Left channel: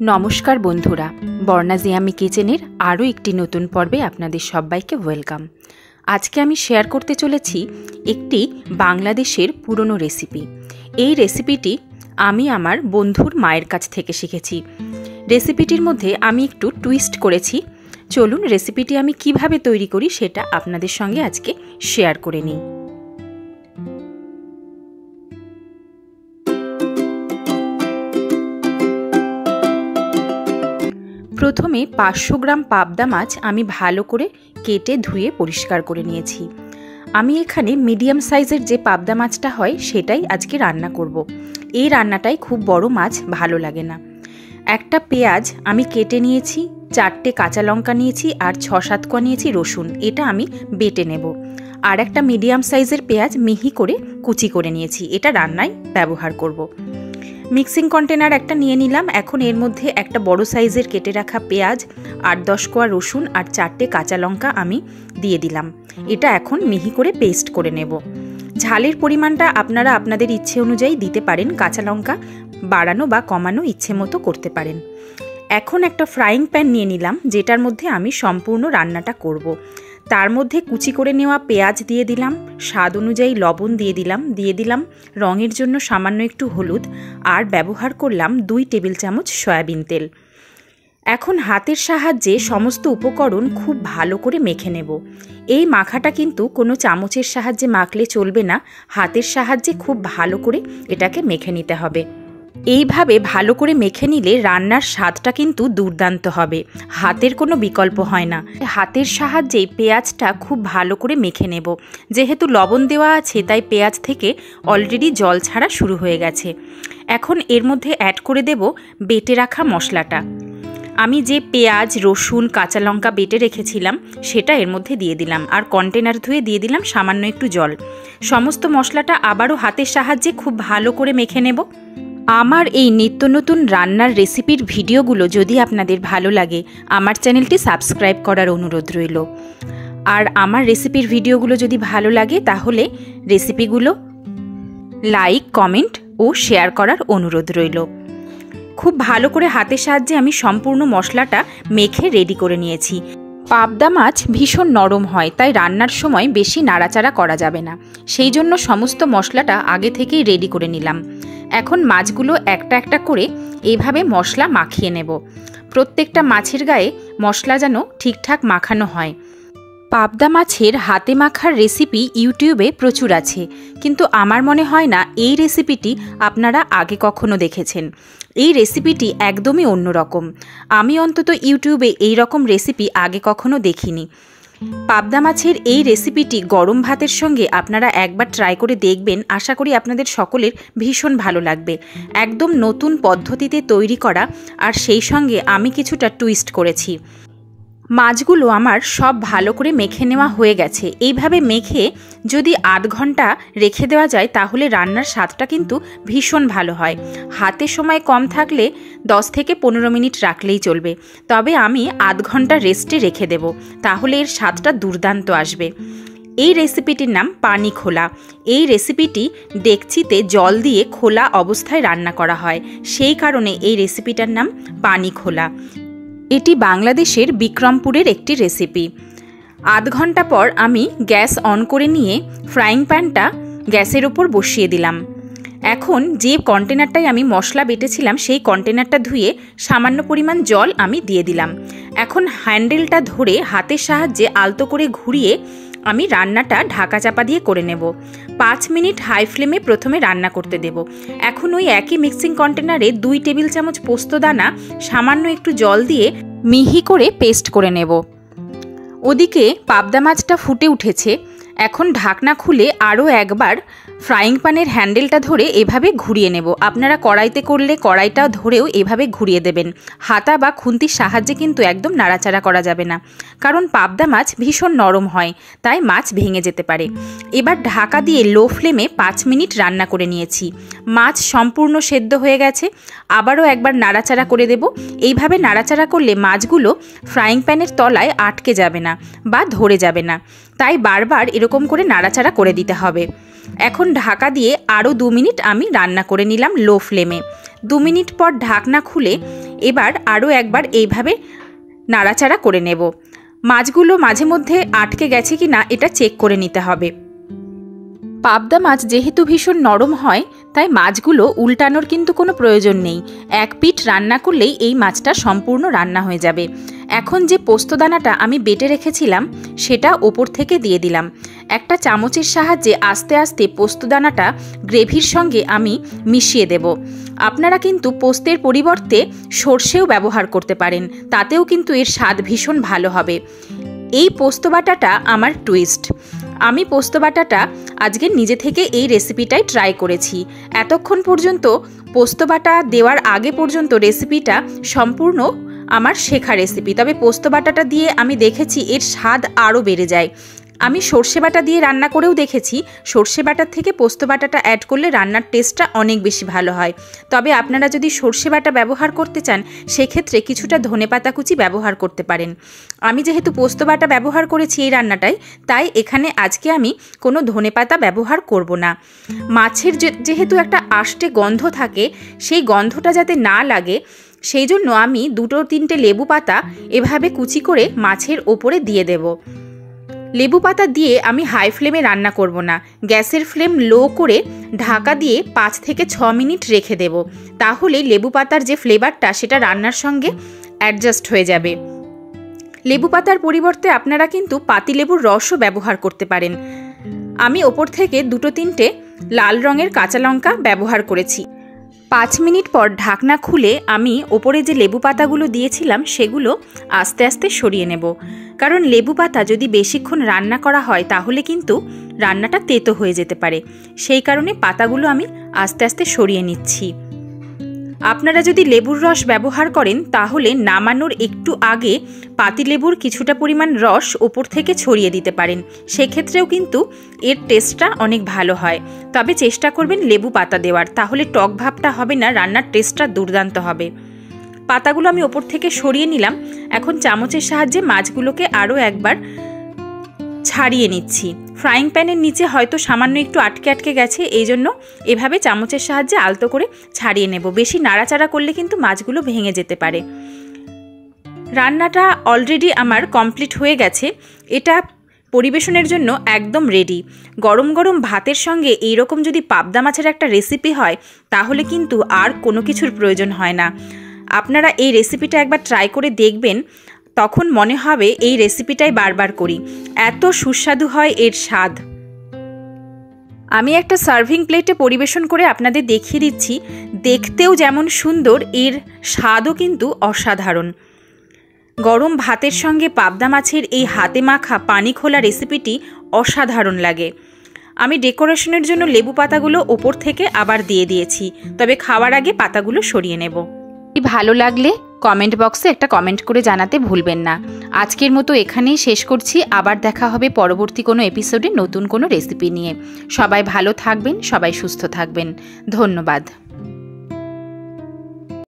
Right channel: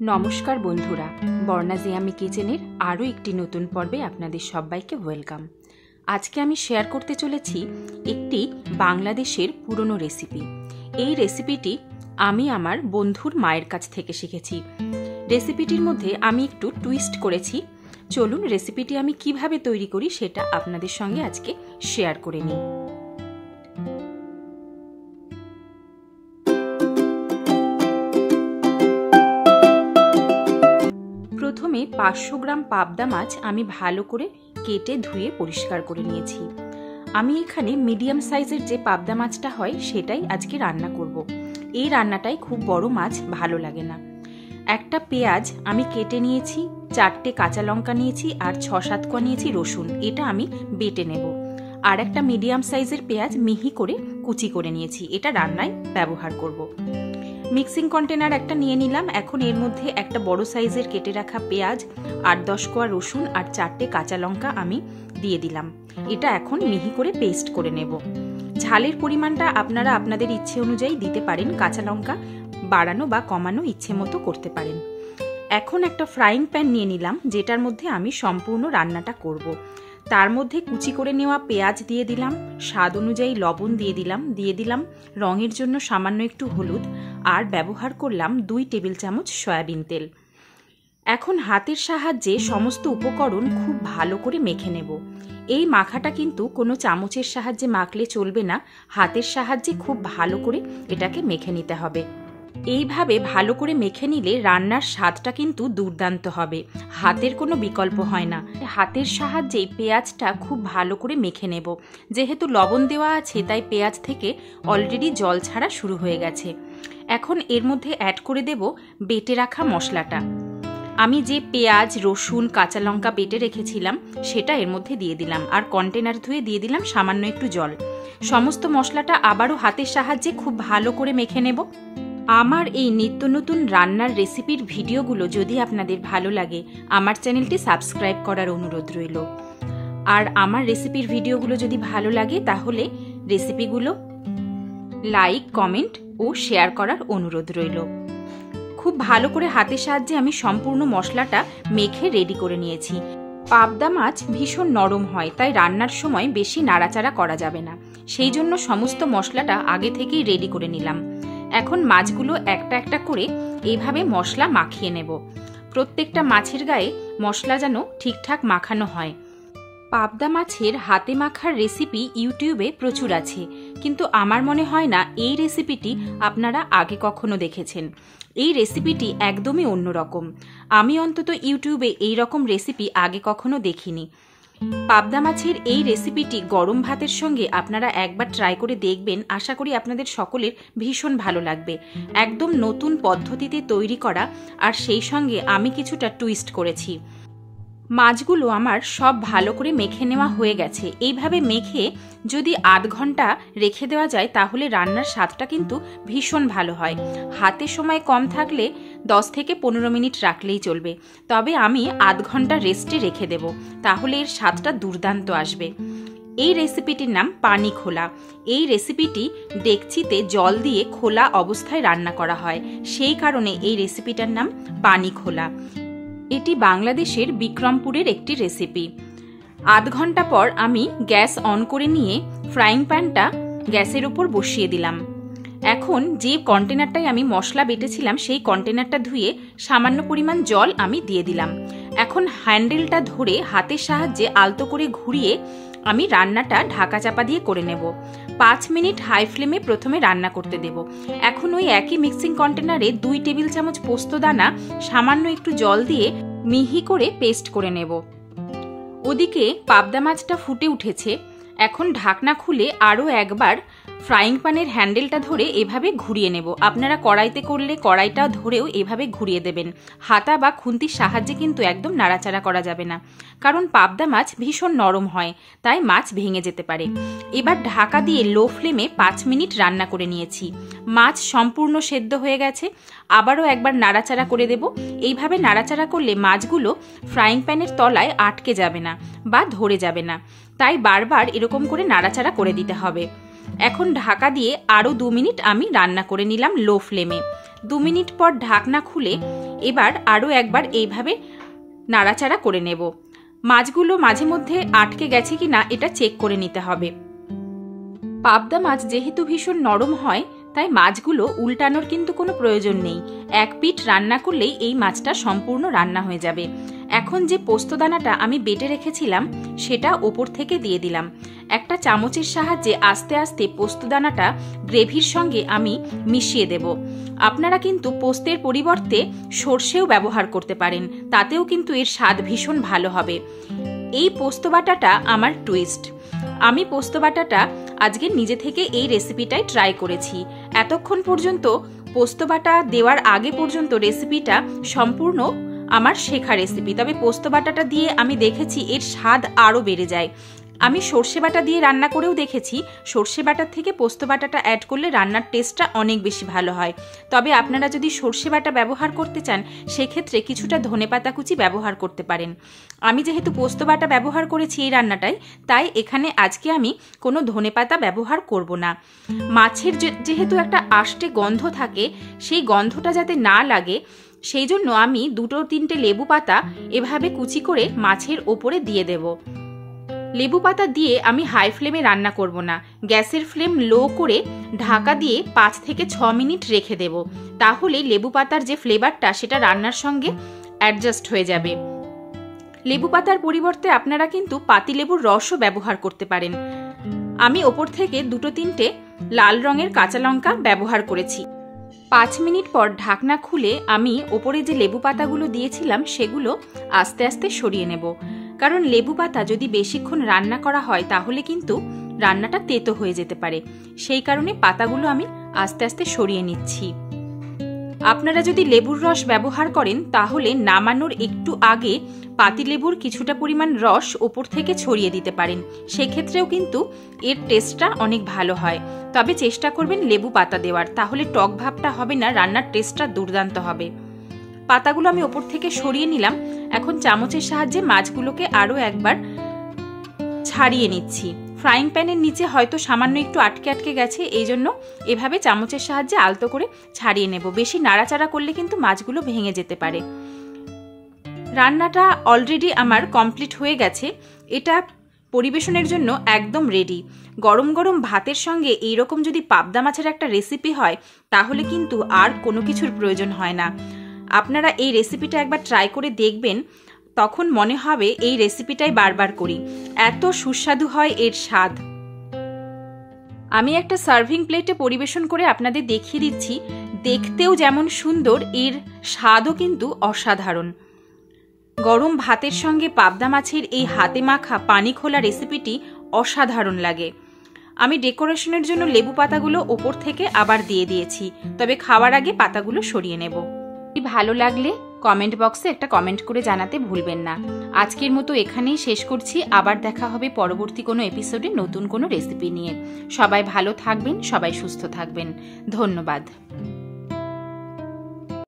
नमस्कार बंधुरा बर्णा जियामी किचेनेर आरो एकटी नतून पर्वे आपनादेर सबाइके वेलकाम। आज के आमी शेयर करते चलेछि एकटी बांग्लादेशेर पुरोनो रेसिपि। एई रेसिपिटी आमी आमार बंधुर मायेर काछ थेके शिखेछि। रेसिपिटिर मध्ये आमी एकटु टुइस्ट करेछि। चलुन रेसिपिटी आमी किभाबे तैरी करी सेटा आपनादेर संगे आजके शेयर करे निই। प्रथमे 500 ग्राम पाबदा माछ आमी भालो करे केटे धुए परिष्कार करे निয়েছি। आमी एखाने मिडियाम साइजेर जे पाबदा माछटा हय सेटाई आजके रान्ना करब। এই রান্নাটাই খুব বড় মাছ ভালো লাগে না। একটা পেঁয়াজ আমি কেটে নিয়েছি, 4টে কাঁচা লঙ্কা নিয়েছি আর 6-7 কোয়া নিয়েছি রসুন। এটা আমি বেটে নেব। আর একটা মিডিয়াম সাইজের পেঁয়াজ মিহি করে কুচি করে নিয়েছি। এটা রান্নায় ব্যবহার করব। মিক্সিং কন্টেনার একটা নিয়ে নিলাম। এখন এর মধ্যে একটা বড় সাইজের কেটে রাখা পেঁয়াজ, 8-10 কোয়া রসুন আর 4টে কাঁচা লঙ্কা আমি দিয়ে দিলাম। এটা এখন মিহি করে পেস্ট করে নেব। ঝালের পরিমাণটা আপনারা আপনাদের ইচ্ছে অনুযায়ী দিতে পারেন। কাঁচা লঙ্কা বাড়ানো বা কমানো ইচ্ছে মতো করতে পারেন। এখন একটা ফ্রাইং প্যান নিয়ে নিলাম যেটার মধ্যে আমি সম্পূর্ণ রান্নাটা করব। তার মধ্যে কুচি করে নেওয়া পেঁয়াজ দিয়ে দিলাম, স্বাদ অনুযায়ী লবণ দিয়ে দিলাম রঙের জন্য সামান্য একটু হলুদ আর ব্যবহার করলাম 2 টেবিল চামচ সয়াবিন তেল। এখন হাতের সাহায্যে সমস্ত উপকরণ খুব ভালো করে মেখে নেব। এই মাখাটা কিন্তু কোনো চামচের সাহায্যে মাখলে চলবে না, হাতের সাহায্যে খুব ভালো করে এটাকে মেখে নিতে হবে। এইভাবে ভালো করে মেখে নিলে রান্নার স্বাদটা কিন্তু দুর্দান্ত হবে, হাতের কোনো বিকল্প হয় না। হাতের সাহায্যে পেঁয়াজটা খুব ভালো করে মেখে নেব। যেহেতু লবণ দেওয়া আছে তাই পেঁয়াজ থেকে অলরেডি জল ছাড়া শুরু হয়ে গেছে। এখন এর মধ্যে অ্যাড করে দেব বেটে রাখা মশলাটা। আমি যে পেঁয়াজ রসুন কাঁচা লঙ্কা বেটে রেখেছিলাম সেটা এর মধ্যে দিয়ে দিলাম আর কন্টেনার ধুয়ে দিয়ে দিলাম সামান্য একটু জল। সমস্ত মশলাটা আবারও হাতের সাহায্যে খুব ভালো করে মেখে নেব। আমার এই নিত্য নতুন রান্নার রেসিপির ভিডিওগুলো যদি আপনাদের ভালো লাগে আমার চ্যানেলটি সাবস্ক্রাইব করার অনুরোধ রইল। আর আমার রেসিপির ভিডিওগুলো যদি ভালো লাগে তাহলে রেসিপিগুলো লাইক কমেন্ট ও শেয়ার করার অনুরোধ রইল। খুব ভালো করে হাতের সাহায্যে আমি সম্পূর্ণ মশলাটা মেখে রেডি করে নিয়েছি। পাবদা মাছ ভীষণ নরম হয় তাই রান্নার সময় বেশি নাড়াচাড়া করা যাবে না, সেই জন্য সমস্ত মশলাটা আগে থেকেই রেডি করে নিলাম। এখন মাছগুলো একটা একটা করে এইভাবে মশলা মাখিয়ে নেব। প্রত্যেকটা মাছের গায়ে মশলা যেন ঠিকঠাক মাখানো হয়। পাবদা মাছের হাতে মাখার রেসিপি ইউটিউবে প্রচুর আছে, কিন্তু আমার মনে হয় না এই রেসিপিটি আপনারা আগে কখনো দেখেছেন। এই রেসিপিটি একদমই অন্যরকম। আমি অন্তত ইউটিউবে এই রকম রেসিপি আগে কখনো দেখিনি। পাবদা মাছের এই রেসিপিটি গরম ভাতের সঙ্গে আপনারা একবার ট্রাই করে দেখবেন। আশা করি আপনাদের সকলের ভীষণ ভালো লাগবে। একদম নতুন পদ্ধতিতে তৈরি করা, আর সেই সঙ্গে আমি কিছুটা টুইস্ট করেছি। মাছগুলো আমার সব ভালো করে মেখে নেওয়া হয়ে গেছে। এইভাবে মেখে যদি 8 ঘন্টা রেখে দেওয়া যায় তাহলে রান্নার স্বাদটা কিন্তু ভীষণ ভালো হয়। হাতে সময় কম থাকলে 10 থেকে 15 মিনিট রাখলেই চলবে, তবে আমি 8 ঘন্টা রেস্টে রেখে দেব, তাহলে এর স্বাদটা দুর্দান্ত আসবে। এই রেসিপিটির নাম পানি খোলা। এই রেসিপিটি ডেকচিতে জল দিয়ে খোলা অবস্থায় রান্না করা হয়, সেই কারণে এই রেসিপিটার নাম পানি খোলা। এটি বাংলাদেশের বিক্রমপুরের একটি রেসিপি। 8 ঘন্টা পর আমি গ্যাস অন করে নিয়ে ফ্রাইং প্যানটা গ্যাসের ওপর বসিয়ে দিলাম। এখন যে কন্টেনারটায় আমি মশলা বেটেছিলাম সেই কন্টেনারটা ধুয়ে সামান্য পরিমাণ জল আমি দিয়ে দিলাম। এখন হ্যান্ডেলটা ধরে হাতের সাহায্যে আলতো করে ঘুরিয়ে আমি রান্নাটা ঢাকা চাপা দিয়ে করে নেব। 5 মিনিট হাই ফ্লেমে প্রথমে রান্না করতে দেব। এখন ওই একই মিক্সিং কন্টেনারে 2 টেবিল চামচ পোস্তদানা সামান্য একটু জল দিয়ে মিহি করে পেস্ট করে নেব। ওদিকে পাবদা মাছটা ফুটে উঠেছে। এখন ঢাকনা খুলে আরও একবার ফ্রাইং প্যানের হ্যান্ডেলটা ধরে এভাবে ঘুরিয়ে নেব। আপনারা কড়াইতে করলে কড়াইটা ধরেও এভাবে ঘুরিয়ে দেবেন। হাতা বা খুন্তির সাহায্যে কিন্তু একদম নাড়াচাড়া করা যাবে না, কারণ পাবদা মাছ ভীষণ নরম হয়, তাই মাছ ভেঙে যেতে পারে। এবার ঢাকা দিয়ে লো ফ্লেমে 5 মিনিট রান্না করে নিয়েছি। মাছ সম্পূর্ণ সেদ্ধ হয়ে গেছে। আবারও একবার নাড়াচাড়া করে দেব। এইভাবে নাড়াচাড়া করলে মাছগুলো ফ্রাইং প্যানের তলায় আটকে যাবে না বা ধরে যাবে না, তাই বারবার এরকম করে নাড়াচাড়া করে দিতে হবে। এখন ঢাকা দিয়ে আরও 2 মিনিট আমি রান্না করে নিলাম লো ফ্লেমে। 2 মিনিট পর ঢাকনা খুলে এবার আরও একবার এইভাবে নাড়াচাড়া করে নেব। মাছগুলো মাঝে মধ্যে আটকে গেছে কি না এটা চেক করে নিতে হবে। পাবদা মাছ যেহেতু ভীষণ নরম হয়, তাই মাছগুলো উল্টানোর কিন্তু কোনো প্রয়োজন নেই। এক পিঠ রান্না করলেই এই মাছটা সম্পূর্ণ রান্না হয়ে যাবে। এখন যে পোস্তদানাটা আমি বেটে রেখেছিলাম সেটা ওপর থেকে দিয়ে দিলাম। একটা চামচের সাহায্যে আস্তে আস্তে পোস্তদানাটা গ্রেভির সঙ্গে আমি মিশিয়ে দেব। আপনারা কিন্তু পোস্তের পরিবর্তে সর্ষেও ব্যবহার করতে পারেন, তাতেও কিন্তু এর স্বাদ ভীষণ ভালো হবে। এই পোস্ত বাটাটা আমার টুইস্ট। আমি পোস্ত বাটাটা আজকে নিজে থেকে এই রেসিপিটাই ট্রাই করেছি। এতক্ষণ পর্যন্ত পোস্ত বাটা দেওয়ার আগে পর্যন্ত রেসিপিটা সম্পূর্ণ আমার শেখা রেসিপি, তবে পোস্ত বাটাটা দিয়ে আমি দেখেছি এর স্বাদ আরও বেড়ে যায়। আমি সর্ষে বাটা দিয়ে রান্না করেও দেখেছি, সর্ষে বাটার থেকে পোস্ত বাটাটা অ্যাড করলে রান্নার টেস্টটা অনেক বেশি ভালো হয়। তবে আপনারা যদি সর্ষে বাটা ব্যবহার করতে চান সেক্ষেত্রে কিছুটা ধনেপাতা কুচি ব্যবহার করতে পারেন। আমি যেহেতু পোস্ত বাটা ব্যবহার করেছি এই রান্নাটায়, তাই এখানে আজকে আমি কোনো ধনেপাতা ব্যবহার করব না। মাছের যেহেতু একটা আষ্টে গন্ধ থাকে, সেই গন্ধটা যাতে না লাগে সেই জন্য আমি 2-3টে লেবু পাতা এভাবে কুচি করে মাছের ওপরে দিয়ে দেব। লেবু পাতা দিয়ে আমি হাই ফ্লেমে রান্না করব না, গ্যাসের ফ্লেম লো করে ঢাকা দিয়ে 5 থেকে 6 মিনিট রেখে দেব। তাহলে লেবু পাতার যে ফ্লেভারটা সেটা রান্নার সঙ্গে অ্যাডজাস্ট হয়ে যাবে। লেবু পাতার পরিবর্তে আপনারা কিন্তু পাতিলেবুর রসও ব্যবহার করতে পারেন। আমি ওপর থেকে 2-3টে লাল রঙের কাঁচা লঙ্কা ব্যবহার করেছি। 5 মিনিট পর ঢাকনা খুলে আমি ওপরে যে লেবু পাতাগুলো দিয়েছিলাম সেগুলো আস্তে আস্তে সরিয়ে নেব, কারণ লেবু পাতা যদি বেশিক্ষণ রান্না করা হয় তাহলে কিন্তু রান্নাটা তেতো হয়ে যেতে পারে। সেই কারণে পাতাগুলো আমি আস্তে আস্তে সরিয়ে নিচ্ছি। আপনারা যদি লেবুর রস ব্যবহার করেন তাহলে নামানোর একটু আগে পাতিলেবুর কিছুটা পরিমাণ রস ওপর থেকে ছড়িয়ে দিতে পারেন, সেক্ষেত্রেও কিন্তু এর টেস্টটা অনেক ভালো হয়। তবে চেষ্টা করবেন লেবু পাতা দেওয়ার, তাহলে টক ভাবটা হবে না, রান্নার টেস্টটা দুর্দান্ত হবে। পাতাগুলো আমি ওপর থেকে সরিয়ে নিলাম। এখন চামচের সাহায্যে মাছগুলোকে আরও একবার ছাড়িয়ে নিচ্ছি। ফ্রাইং প্যানের নিচে হয়তো সামান্য একটু আটকে আটকে গেছে, এই জন্য এভাবে চামচের সাহায্যে আলতো করে ছাড়িয়ে নেব। বেশি নাড়াচাড়া করলে কিন্তু মাছগুলো ভেঙে যেতে পারে। রান্নাটা অলরেডি আমার কমপ্লিট হয়ে গেছে। এটা পরিবেশনের জন্য একদম রেডি। গরম গরম ভাতের সঙ্গে এইরকম যদি পাবদা মাছের একটা রেসিপি হয় তাহলে কিন্তু আর কোনো কিছুর প্রয়োজন হয় না। আপনারা এই রেসিপিটা একবার ট্রাই করে দেখবেন, তখন মনে হবে এই রেসিপিটাই বারবার করি, এত সুস্বাদু হয় এর স্বাদ। আমি একটা সার্ভিং প্লেটে পরিবেশন করে আপনাদের দেখিয়ে দিচ্ছি। দেখতেও যেমন সুন্দর, এর স্বাদও কিন্তু অসাধারণ। গরম ভাতের সঙ্গে পাবদা মাছের এই হাতে মাখা পানি খোলা রেসিপিটি অসাধারণ লাগে। আমি ডেকোরেশনের জন্য লেবু পাতাগুলো ওপর থেকে আবার দিয়ে দিয়েছি, তবে খাওয়ার আগে পাতাগুলো সরিয়ে নেব। ভালো লাগলে কমেন্ট বক্সে একটা কমেন্ট করে জানাতে ভুলবেন না। আজকের মতো এখানেই শেষ করছি। আবার দেখা হবে পরবর্তী কোনো এপিসোডে নতুন কোনো রেসিপি নিয়ে। সবাই ভালো থাকবেন, সবাই সুস্থ থাকবেন। ধন্যবাদ।